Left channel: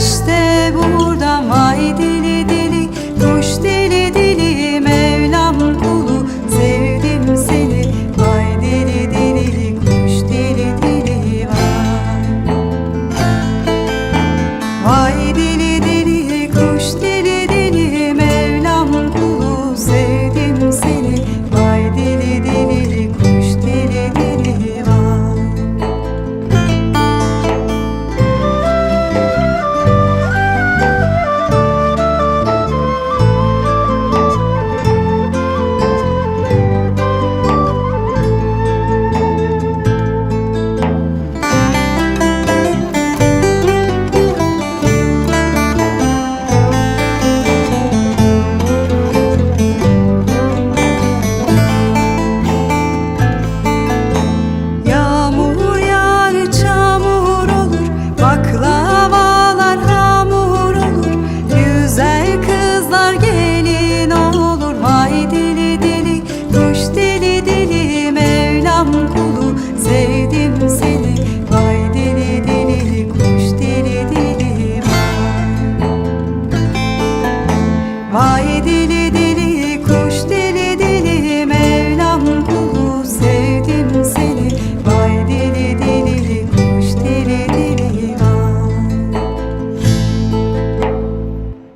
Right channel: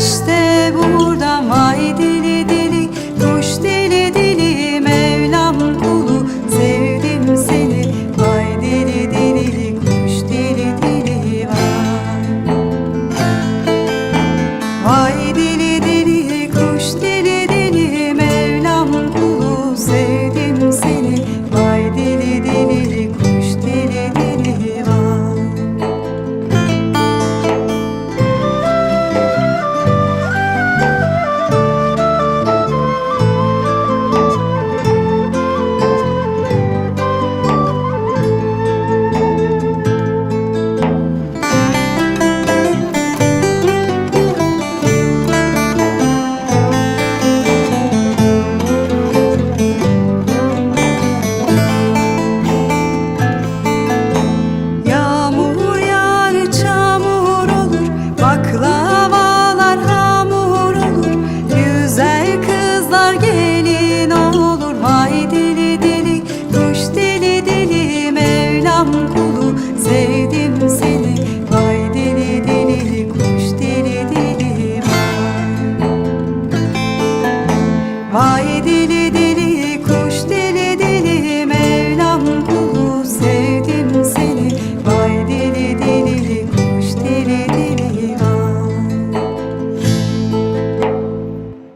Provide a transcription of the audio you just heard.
güneşte